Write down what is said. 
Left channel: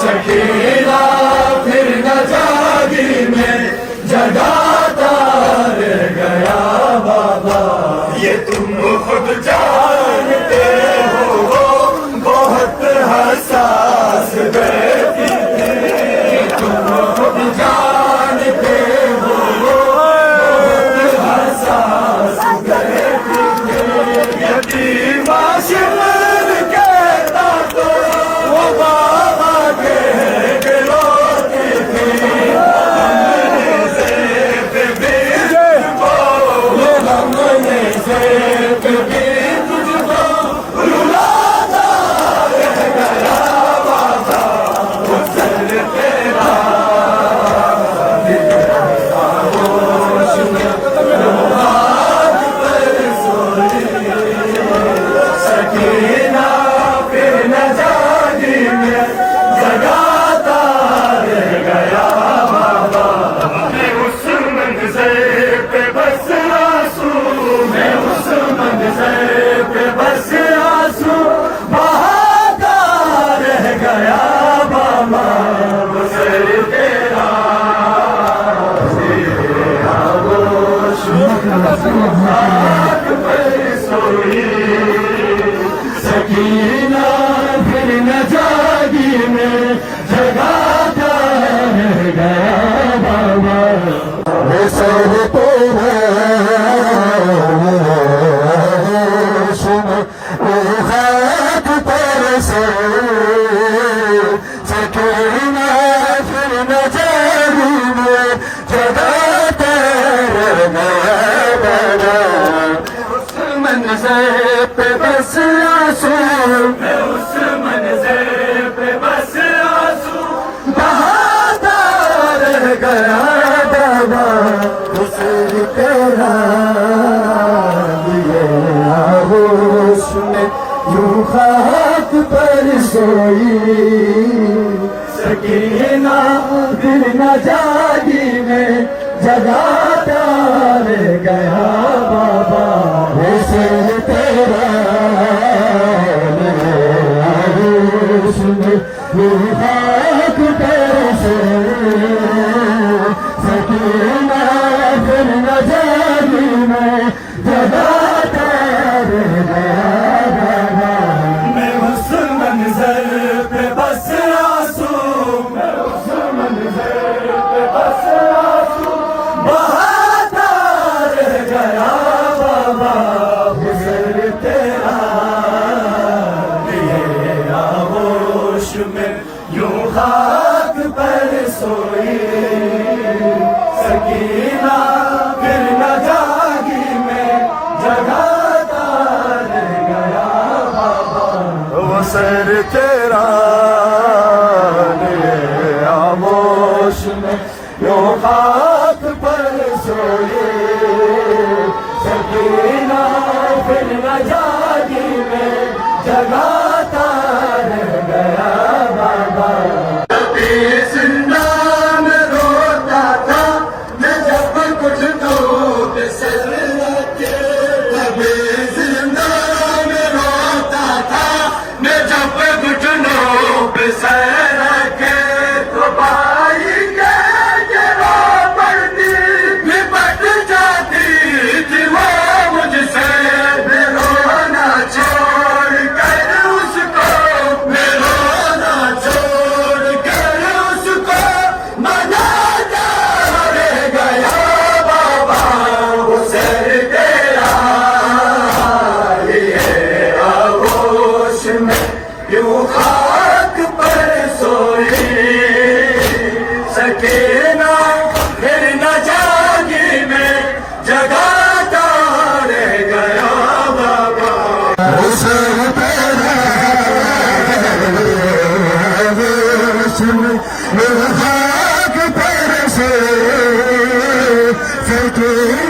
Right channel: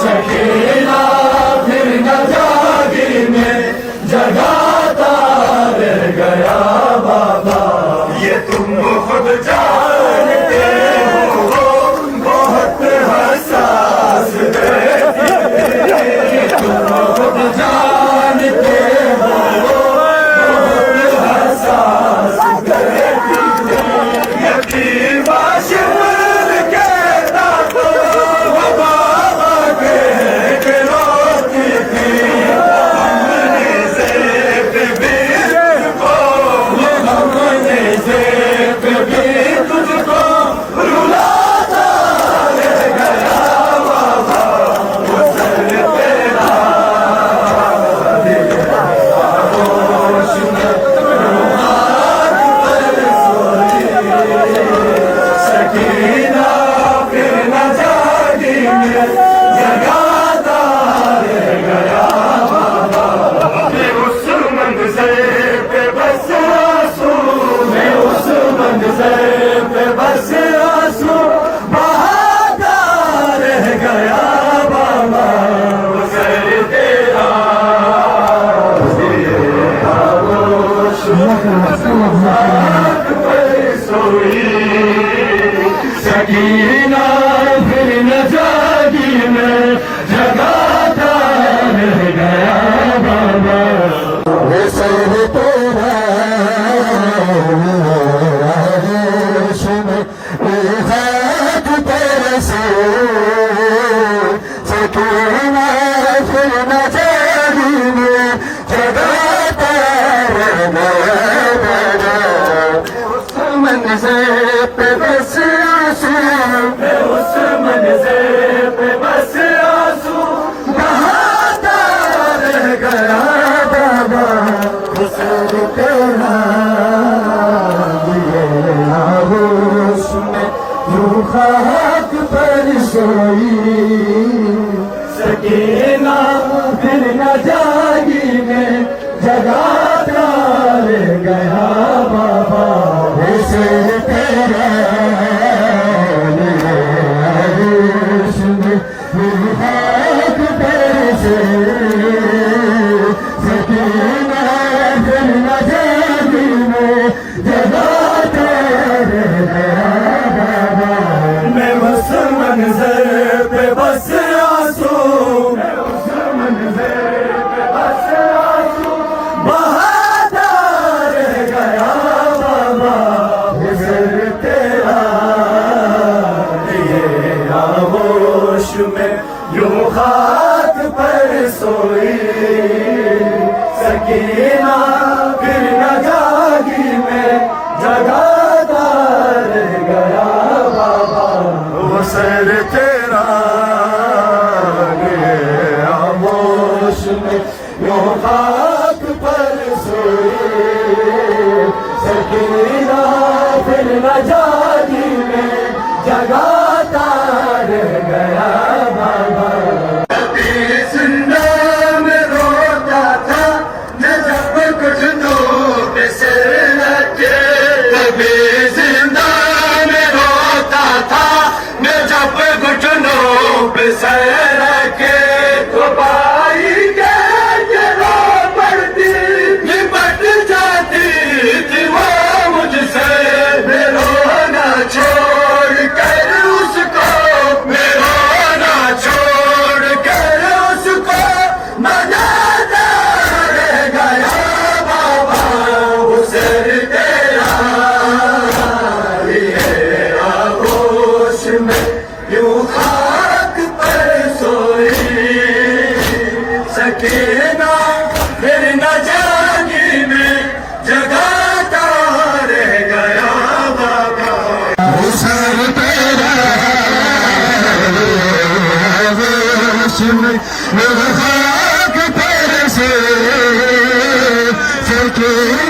सकीना फिर न जागी में जगाता रह गया बाबा। ये तुम खुद जानते हो बहुत हसास ये तुम खुद जानते हो बहुत हसास पे बस आंसू बहाता रह गया बाबा। सर तेरा सकीना फिर न जागी में जगाता रह गया बाबा। सर तेरा फिर न जागी में जगाता मंजर पे बस आंसू उस मंजर पे बस आंसू बहाता रह गया बाबा। सर तेरा हाथ पर सोई सकीना फिर न जागी में जगाता रह गया बाबा। सर तेरा हाथ पर सोई सकीना फिर न जागी में जगाता रह गया। मैं उस मंजर पे बस आंसू उस मंजर पे बस आंसू बहाता रह गया बाबा। गुजर तेरा ये आगोश में यूं खाक पर सोई सकीना फिर न जागी में जगाता रह गया। सर तेरा आगोश में यूं खाक पर सो सर के कभी जिंदा में होता था मैं जब घुटनों पे सर के तो भाई के गिरा पड़ती निपट जाती कि वो मुझसे मिलाना छोड़ कर उसको मिलाना छोड़ कर उसको मनाता रह गया बाबा गुजर गया ये आगोश में यूं खाक पर सोई सकीना फिर न जागी में जगाता रह गया बाबा गुजर तेरा खाक पर सोई सकीना